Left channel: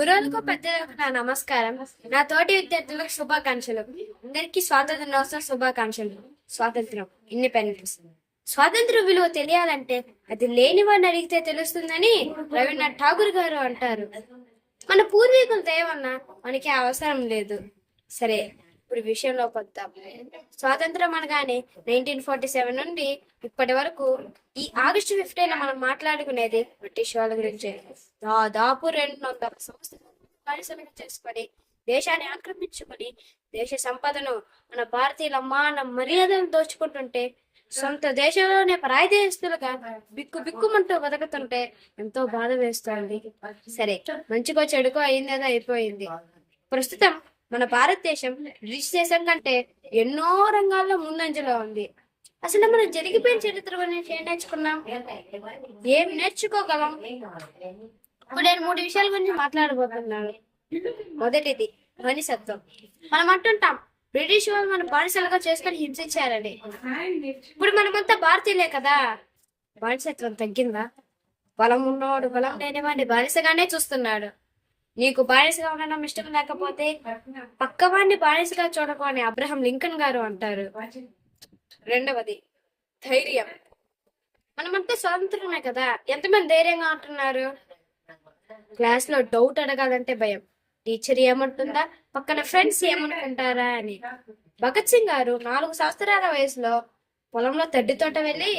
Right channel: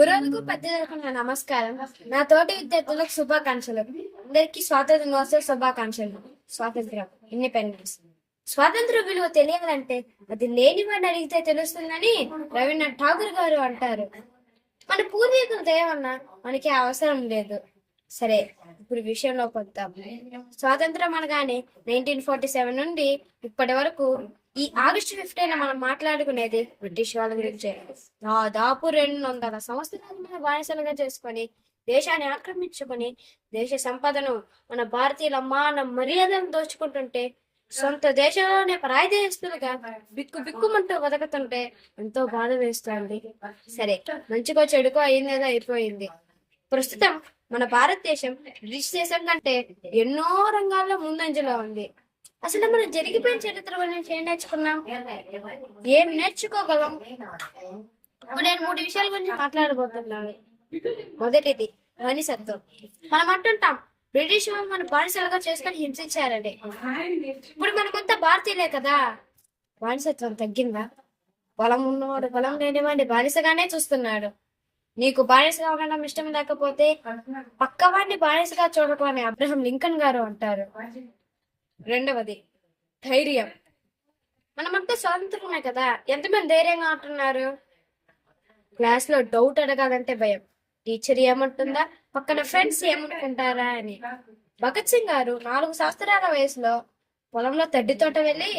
గురువులకు పెద్దలకు నా నమస్కారం. నా తోటి విద్యార్థులకు శుభాకాంక్షలు. అందరికీ స్వాతంత్ర దినోత్సవ శుభాకాంక్షలు. స్వాతంత్రం, ఇండిపెండెన్స్. స్వాతంత్ర విలువ తెలియాలంటే అది లేని వాడిని అడిగితే తెలుస్తుందని రవీంద్రనాథ్ ఠాగూర్ గారు అంటారు. మన పూర్వీకుల దయవల్ల మనకి అవసరం లేదు. సరే, ఇప్పుడు విషయంలోకి వద్దాం. స్వాతంత్రం అనగానే 1947 నుండి ఇప్పటి వరకు ఈ ఆగస్టు 15 మనం మాట్లాడుకునేది బ్రిటిష్ వాళ్ళ గురించే. దాదాపు 200 సంవత్సరాల బానిసలుగా చేసుకొని దేశాన్ని ఆక్రమించుకొని దేశ సంపదను మన భారతీయుల మాన మర్యాదలను దోచుకుంటుంటే సొంత దేశంలోనే పరాయి దేశస్తులుగా బిక్కుమంటూ బతుకుతుంటే ఎంతో బాధ వేస్తోంది. సరే, మంచికో చెడుకో అయిందేదో అయిపోయింది. ప్రస్తుతం మన భారతదేశం బ్రిటిష్ దేశం కంటే ఎన్నో రంగాల్లో ముందంజలో ఉంది. అసలు మనం జరిగిపోయిన చరిత్ర గురించి ఏం నేర్చుకున్నాం, ఏం నేర్చుకోగలం? ఇప్పుడు నేను 3 విషయాల గురించి మాట్లాడబోతున్నాను. మొదటిది బానిసత్వం. మనం అంటుంటాం బ్రిటిష్ వాళ్ళు మన బానిసలుగా చేసుకొని హింసించారని. ఇప్పుడు మనమంతా భారతీయులే కదా. బానిసత్వం తగ్గిందా? బలం ఉన్నవాడు బలం లేనివాడిని బానిసగానే చూస్తున్నాడు. నీకు బానిసగా ఉండడం ఇష్టం లేకపోతే పక్కవాడిని బానిసగా చూడకూడని అబ్రహం లింకన్ గారు అంటారు. రెండవది ధైర్యం. మనమంతా స్వాతంత్రమే కదా, ఎంతమంది ధైర్యంగా ఉంటున్నారు? క్లాస్ లో డౌట్ అడగాలంటే భయం. టీచర్ ఏమంటుందా, పక్కన ఫ్రెండ్స్ ఏమనుకుంటారా అని. భగత్ సింగ్ గారు 4 సంవత్సరాల వయసులో పొలంలో తడ్డి తోట వెళ్ళి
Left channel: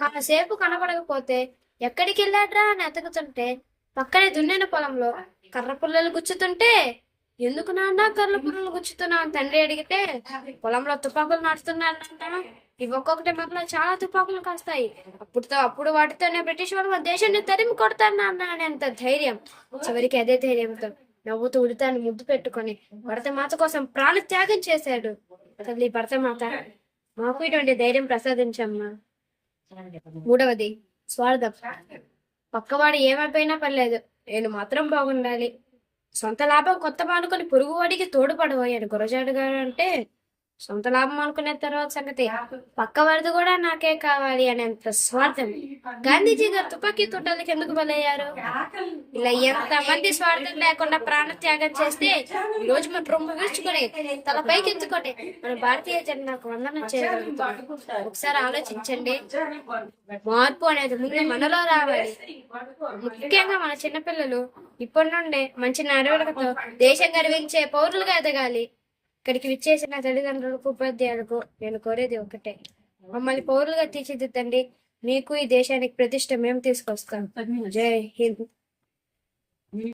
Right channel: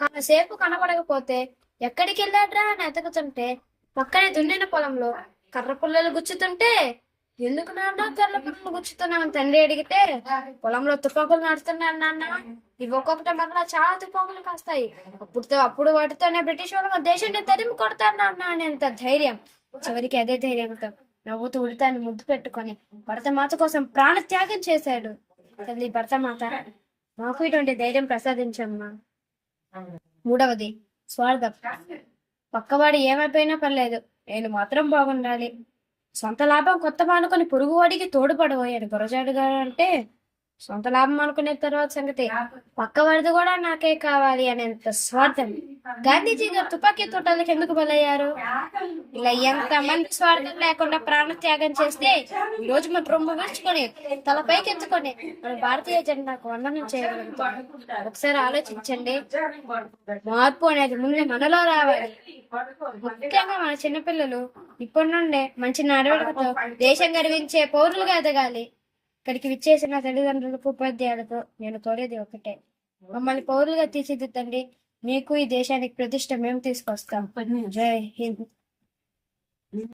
కాసేపు కనబడకపోతే ఎక్కడికి వెళ్ళాడ్రా అని ఎతకుతుంటే పక్కనే దున్నిన పొలంలో కర్ర పుల్లలు గుచ్చుతుంటే, ఎందుకు నాన్న కర్ర పుల్లలు గుచ్చుతున్నావు తండ్రి అడిగితే, పొలంలో తుపాకులు నడుస్తున్నాను నాన్న, ఇవి ఒక్కొక్కటి మళ్ళా చాలా తుపాకులు కాస్తాయి, అప్పుడు వాటితోనే బ్రిటిష్ వాళ్ళు దేశాన్ని తరిమి కొడతాను నాన్న అనేంత ధైర్యం. చివరికి అదే ధైర్యంతో నవ్వుతూ ఉడితాన్ని ముద్దు పెట్టుకొని భరతమాత కోసం ప్రాణ త్యాగం చేశాడు. తల్లి భరతమాత, మాకు ఇటువంటి ధైర్యం ప్రసాదించమ్మా. మూడవది స్వార్థం. పక్కవాడు ఏమైపోయినా పర్లేదు, నేను మాత్రం బాగుండాలి. సొంత లాభం కొత్త మానుకొని పొరుగువాడికి తోడుపడబోయాడు గురజాడు గారు అంటే సొంత లాభం అనుకునే తర్వాత సంగతి పక్కవాడిది కూడా నాకే కావాలి అనేంత స్వార్థం. గాంధీజీ గారు తుపాకీ తోటలకి ఎందుకు బలయ్యారు? ఇలా ఎంత మంది స్వార్థం లేకుండా ప్రాణ త్యాగం చేస్తే ఈ రోజు మన రొమ్ము విరుచుకొని తల పైకి ఎత్తుకొని మన భారతీయ జెండాకు వందనం చేయగలుగుతాం. ఒకసారి ఆలోచించండి. మార్పు అనేది ముందు మనలో రావాలి. ముఖ్యంగా మన చిన్నపిల్లలు ఇప్పటి నుండే మంచి నడవడికతో దేశం గర్వించే పౌరులుగా ఎదగాలి. ఇక్కడికి విచ్చేసిన తల్లిదండ్రులకు ఉపాధ్యాయులకు నేను కోరేది ఒకటే, మమ్మల్ని పౌరులుగా తీర్చిదిద్దండి. మీకు ఈ దేశానికి ప్రతిష్ట మేము తీసుకొస్తాం. జై హింద్.